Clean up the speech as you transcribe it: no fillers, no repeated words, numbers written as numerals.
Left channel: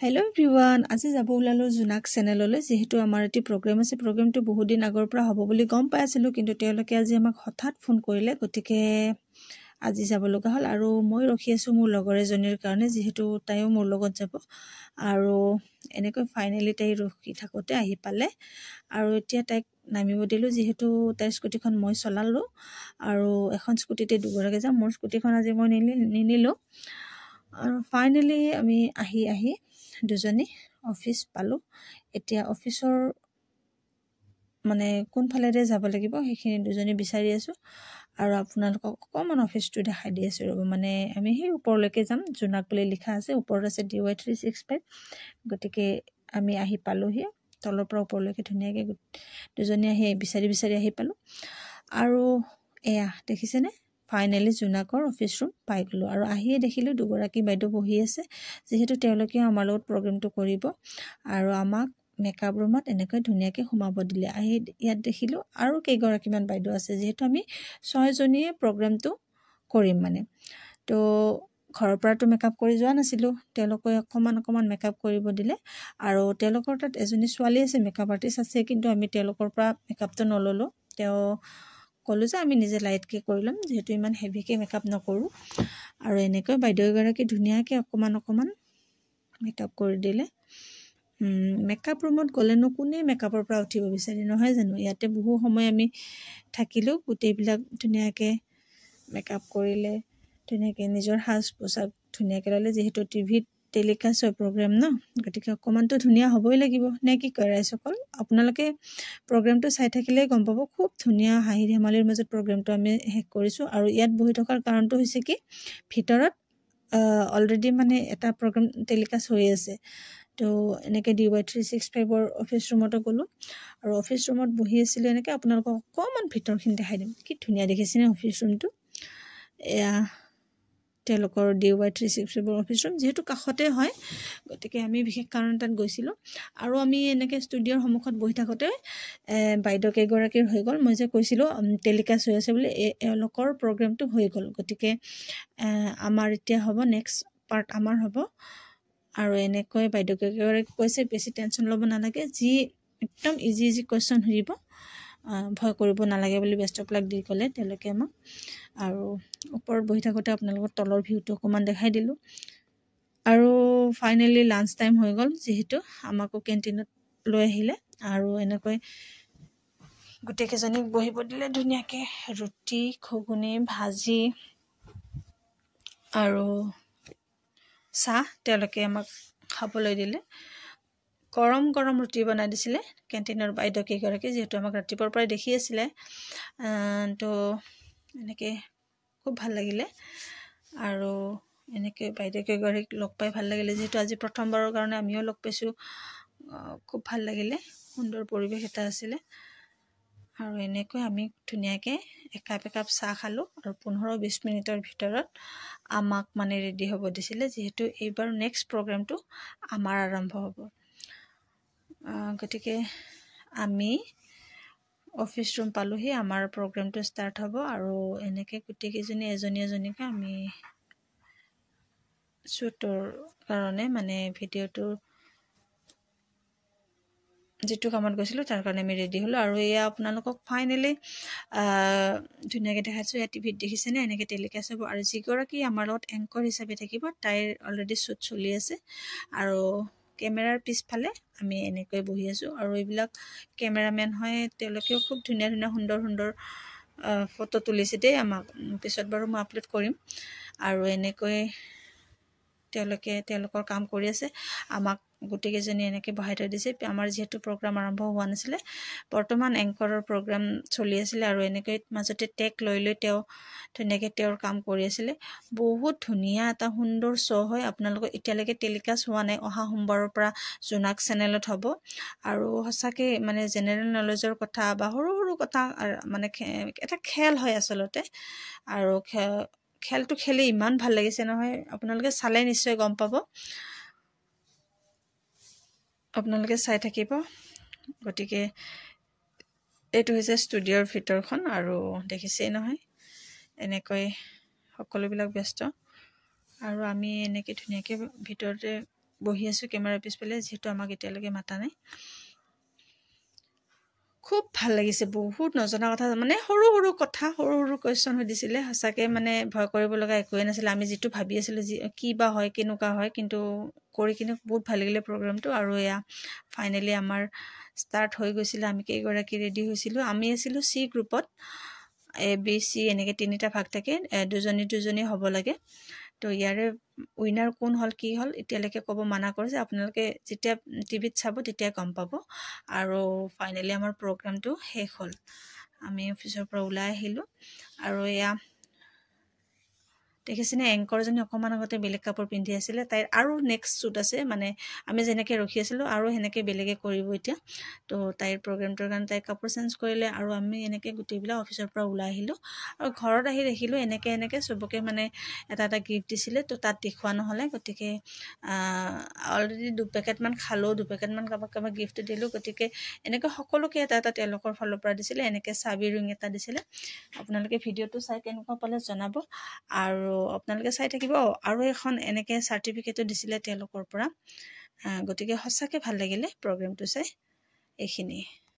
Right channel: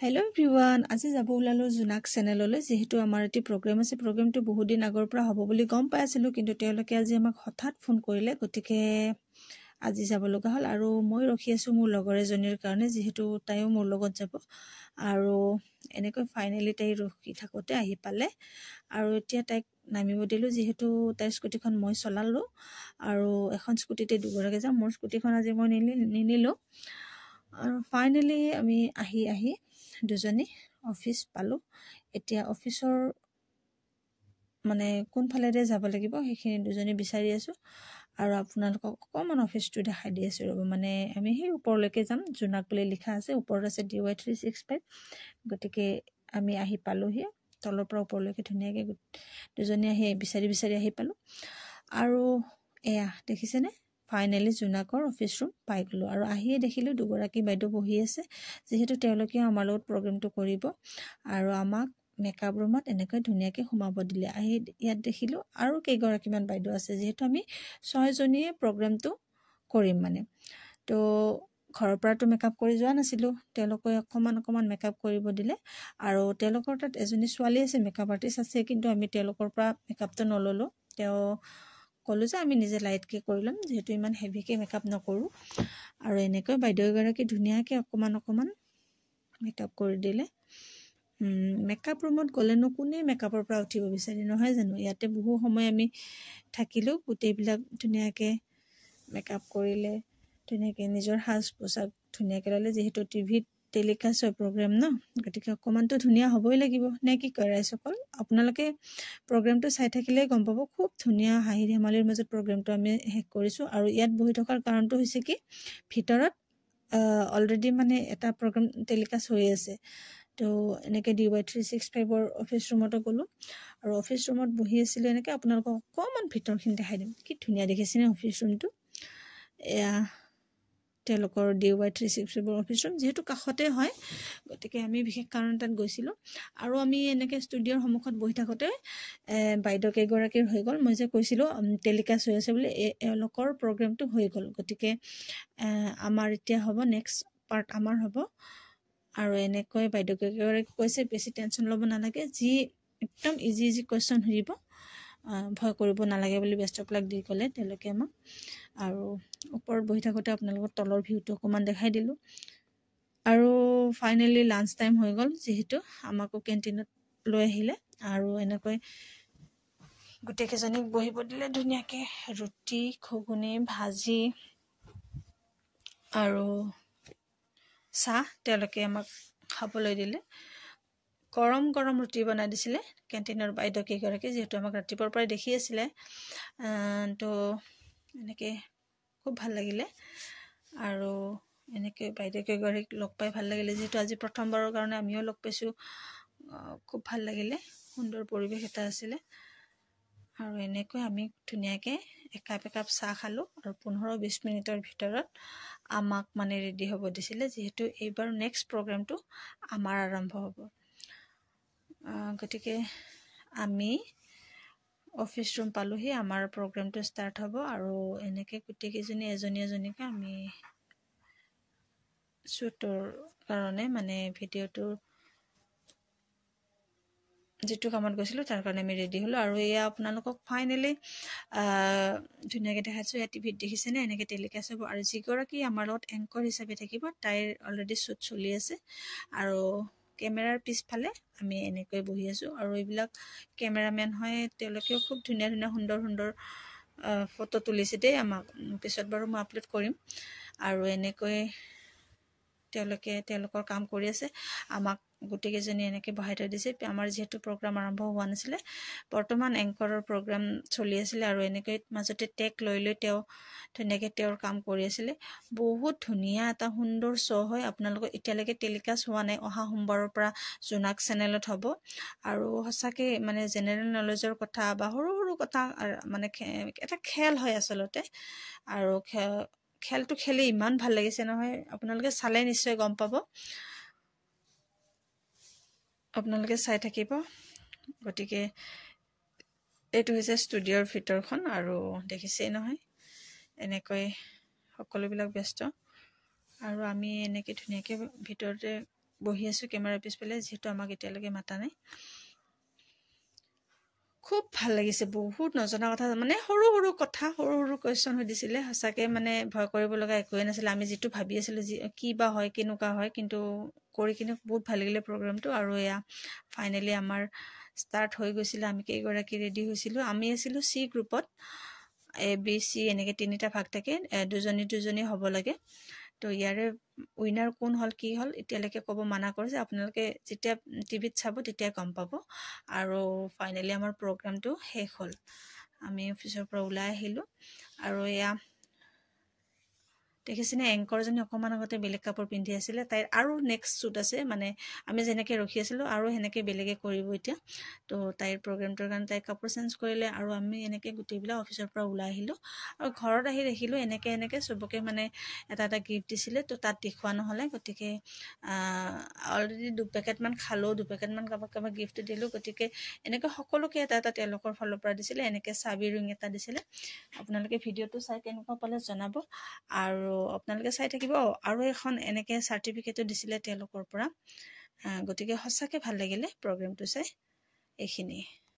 Hello everyone, আজি যাব ওলালো জুনাক চেনেললৈ যেহেতু আমাৰ এটি প্ৰগ্ৰাম আছে প্ৰগ্ৰামটো বহুত দিন আগৰ পৰা হ'ব বুলি গম পাইছিলো কিন্তু তেওঁলোকে আজি আমাক হঠাৎ ফোন কৰিলে গতিকে আজি যাব লগা হ'ল আৰু মই ৰখি আছো মোৰ লগৰ এজনীৰ কাৰণে যেহেতু তাইও মোৰ লগত যাব আৰু এনেকৈ ফাইনালি তাই ৰখি থাকোতে আহি পালে আৰু এতিয়া তাইক নামিব দিলো যেহেতু তাইৰ স্কুটিখন মই চলালো আৰু এখন স্কুটিতে দুগৰাকী যাম মোৰ স্কুটিখন আজি মই নিনিলো আৰু ফাইনালি আমি আহি দুজনী অফিস পালো এতিয়া অফিসৰ মানে কোন ফালেৰে যাব লাগিব সেইখিনি দুজনী বিচাৰি আছো আৰু আপোনালোকক অকমান অফিসটো দেখাই দি আছো মানে আমি সেই ওপৰলৈকে যাম জুনাক বুলি লিখা আছে ওপৰত আছে DY365 গতিকে আমি আহি পালো হে তলৰ পৰা ওপৰলৈকে ধুনীয়াকৈ দুজনী আহি বিচাৰি আহি পালো আৰু এয়া দেখিছেনে ফাইনালি জুনাকৰ অফিস ৰুম পাই গলো আৰু আহি দেখিলো দুগৰাকী বাইদেউ বহি আছে যেহেতু তেওঁলোকে আমাৰ লগত প্ৰগ্ৰামটো কৰিব আৰু আমাক মেকআপ ৰুমত এনেকৈ ধুনীয়াকৈ সোমাব দিলে আহি ইয়াত দেখিলো আৰু কেইগৰাকীমান বাইদেউ আছে যেহেতু আমি 6 জনীয়ে প্ৰগ্ৰামটো কৰিম মানে তো ঘৰৰ পৰাটো মেকআপ কৰি যোৱা নাছিলো তেওঁলোকে অকমান মেকআপ কৰিব দিলে আৰু তেওঁলোকৰ তাত এজনী ছোৱালী আছে মেকআপ আৰ্টিষ্ট আছে কিন্তু আমি তেওঁলোকৰ পৰা মেকআপটো নললো তেওঁ কলো যে আমি নিজে লাইটকে কৰিলাম যেহেতু ইমান হেভিকে মেকআপ নকৰো আৰু এনেকৈ বাইদেউ গৰাকী ধুনীয়াকৈ অকমান মেকআপ কৰি দিলে মেকআপ ৰুমত গলেনো কোনে মেকআপৰ পৰা উঠিব বিচাৰি নহয় জানো ইয়াতে বহু সময় আমি থাকিলো গোটেইবিলাক ধুনীয়াকৈ মেকআপ কৰিলে ধুনীয়াকৈ নিজৰ হাজ পোছাক ধুনীয়াকৈ ললে যেহেতু টিভিত টেলিকাষ্ট হয় প্ৰগ্ৰাম ন গতিকে অকমানটো ধুনীয়া হ'বই লাগিব নে কি কয় ৰাইজসকল আপোনালোকে প্ৰগ্ৰামটো চাই থাকিলে গম পাব খুব ধুনীয়া হাঁহি ধেমালিৰ মাজত প্ৰগ্ৰামটো আমি শেষ কৰিছো আৰু ইয়াত বহি থকাৰ কাৰণটো হৈছে কি ভিতৰত অলৰেডি মানে এটা প্ৰগ্ৰাম টেলিকাষ্ট হৈ আছে তো এনেকৈ DY365 ৰ অফিস ৰুমতো গলো আৰু অফিস ৰুমত বহি আছিল এনেকৈ আপোনালোকক অকমান ভিতৰখিনি দেখাই দিম কি ধুনীয়া দেখিছেনে অফিস ৰুমটো এয়া তেওঁলোকৰ DY365 ৰ অফিস ৰুম যেহেতু কাষতে হয় গতিকে আমি বিশেষ কাৰণ তাত গৈছিলো আৰু আমি এনেকৈ ষ্টুডিঅ'ৰ সন্মুখত বহি থাকোতে বাইদেউ কেইগৰাকীৰ হৈ গ'ল মই যে কৈছিলো টেলিকাষ্ট হৈ আছে বুলি এওঁলোকৰ প্ৰগ্ৰামটো হৈ গ'ল গতিকে আমাৰ এতিয়া হ'ব নেক্সট পাৰ্ট আমাৰ হ'ব আৰু এনেকৈ বাইদেউ কেইগৰাকী কৈছে বেছি টেনচন ল'ব নালাগে যি একদম ইজি কোৱেশ্চন সুধিব ভয় কৰিব নালাগে বুলি বেষ্ট অফ লাক দি ক'লে তেওঁলোকে আমাক আৰু ওপৰত বহি থাকোতে আপোনালোকৰ তলৰ ভিউটো অকমান দেখাই দিলো আৰু ফাইনালি লাঞ্চ টাইম হৈ গ'ল যেহেতু আমাকো কেন্টিনত লৈ আহিলে আৰু এনেকৈ গোটেইকেইজনীক বহিব দিলে ধুনীয়াকৈ ৰুটি ঘুগুনি ভাজি আৰু চাহ তেওঁলোকে আমাক খাবলৈ দিলে গৰম ৰুটি বনাই দিছিলে কেন্টিনৰ বাইদেউ কেইগৰাকী যেহেতু আমাক ৰাতিপুৱাৰ পৰাই দেখি আছিলে তো এনেকৈ খুব ভাল লাগিলে আৰু এনেকৈ বাইদেউ কেইগৰাকীক লগ পাই ভাল লাগিলে যেহেতু আজি প্ৰথমবাৰৰ কাৰণে আমিও লগ পাইছোঁ খুব ভাল লাগিলে সুন্দৰ পৰিৱেশ এটা আছিলে আৰু এনেকৈ আমি ধুনীয়াকৈ একাপ চাহ খালো আৰু 15-20 মিনিটৰ ভিতৰত আমাক মানে ৰেডি হ'ব দিছিলে যেহেতু এইবাৰ নেক্সট প্ৰগ্ৰামটো আমাৰ আৰম্ভ হ'ব গতিকে আমি অফিস ৰুম পালোহি আমাৰ প্ৰগ্ৰামটো ষ্টাৰ্ট হ'ব আৰু এনেকৈ গোটেইকেইজনী এজনীকে আমি শ্বুটৰ কাৰণে মানে ভিডিঅ'টো যেটো কামত গৈছিলো তাৰ কাৰণে আমি ৰেডি হলো আৰু এয়া আপোনালোকক ফাইনালি ধুনীয়াকৈ দেখাইছো এয়া টিভিত দেখিছেনে এনেকৈ টেলিকাষ্ট হ'ব আৰু যিগৰাকী আমাৰ লগত এংকৰ হিচাপে থাকিব তাইৰ অলৰেডি শ্বুট চলি আছে আৰু কেমেৰাৰ পিছফালে আমি এনেকৈ বহি আছো আৰু এইবিলাক কেমেৰামেন হয় তেওঁলোকেও খুব ধুনীয়া সুন্দৰ ফটো তুলিছে দেই আমাক পিছত বাৰু মই আপলোড কৰিম আৰু এনেকৈ তেওঁলোকৰ কাম কৰি আছে আমাক গোটেইকেইজনী এনেকৈ বহাই থৈ দিছে আমাৰ যেহেতু প্ৰগ্ৰাম আৰম্ভ হোৱা নাছিলে বৰ্তমান এংকৰৰ প্ৰগ্ৰাম চলি আছিলে আৰু এনেকৈ মাজতে টেক লৈ তেওঁ ধুনীয়াকৈ তেওঁৰ কাম কৰি আছিলে বহুত ধুনীয়া এটা সুন্দৰ শ্ব' হয় আপোনালোকৰ এতিয়ালৈকে টেলিকাষ্ট হোৱা নাই অহা সোমবাৰৰ পৰা জুনাক চেনেলত হ'ব আৰু সঁচাকৈ মানে জেনেৰেল নলেজৰ কথা বা সৰু কথা মানে এটা খেল হয় আচলতে আৰু খেলটো খেলি ইমান ভাল লাগিছে নহয় আপোনালোকে চালে নিশ্চয় গম পাব আপোনালোকে চাই থাকিব গতিকে এইটো হৈছে ষ্টুডিঅ'ৰ ভিতৰখন আৰু দেখিছেই নহয় এনেকৈ সকলোবিলাক ব্যস্ত আৰু আমি এনেকৈ ধুনীয়াকৈ ভিতৰতে বহি আছো কেমেৰা পিছফালে যেহেতু আমাক এতিয়ালৈকে মাতা নাই খুব ভাল লাগিছে বহুত নজনা কথা মানে সৰু সৰু কথা সৰু সৰু কোৱেশ্চন সুধিছিলে সঁচাকে মানে ভয় কৰিব লগা একোৱে নাছিল আমি যেটো ভাবি আছিলো কি বা হয় কেনেকুৱা হয় কিন্তু কৰি কিনে বহুত ভাল লাগিলে প্ৰগ্ৰামটো আৰু এয়া ফাইনালি আমাৰ ষ্টাৰ্ট হৈ গৈছিল আমি কেইগৰাকী ৰেডি হৈছিলো আমি আছিলো সি গ্ৰুপত এ বি সি এনেকে তিনিটা ভাগ থাকে দুজনী হ'ব লাগে তো ইয়াৰে উইনাৰ কোন হল কি হল এতিয়ালৈকে ক'ব মানা কৰিছে আপোনালোকে যেতিয়া টিভিত চাব তেতিয়া গম পাব আৰু ফাইনালি আমাৰ প্ৰগ্ৰামটো শেষ হ'ল আমি অফিচৰ পৰা ওলাই আহিলো আৰু এয়া দেখিছেনে এংকৰজনী অকমান আগতে বেলেগ কাপোৰ পিন্ধি আছিল তাইৰ আৰু নেক্সট শ্বুট আছে মানে আমি যেনেকৈ ৰখি আছিলো আৰু হেনেকৈ বেলেগে কৰিব এতিয়া তো তাইৰ প্ৰগ্ৰামটোৰ কাৰণে তাই কাপোৰ চেঞ্জ কৰিলে আৰু আমি এনেকৈ গোটেইবিলাক অফিচৰ পৰা ওলাই আহিলো আৰু ঘৰত আহি দেখিলো এনেকৈ সবকে মানে এটা গিফ্ট দিছিলে তো তাত দেখুৱা নহলে গতিকে অলৰেডি 2 পেকেট মান খালো 2 পেকেট মান কাবাক গিফ্ট দিলো গতিকে এনেকৈ সকলোকে এটা তেওঁলোকৰ ফালৰ পৰা দিছিলে এনেকৈ চাবি ৰিং এটা দিছিলে আপোনালোকে ভিডিঅটো চাই কেনেকুৱা পালে জনাব আৰু আপোনালোকে চাই থাকিব আৰু এখন এনেকৈ সাৰ্টিফিকেটও দিছিলে তেওঁলোকৰ পৰা গতিকে সঁচাকে ভাল লাগিলে প্ৰগ্ৰামটো চাই এইখিনি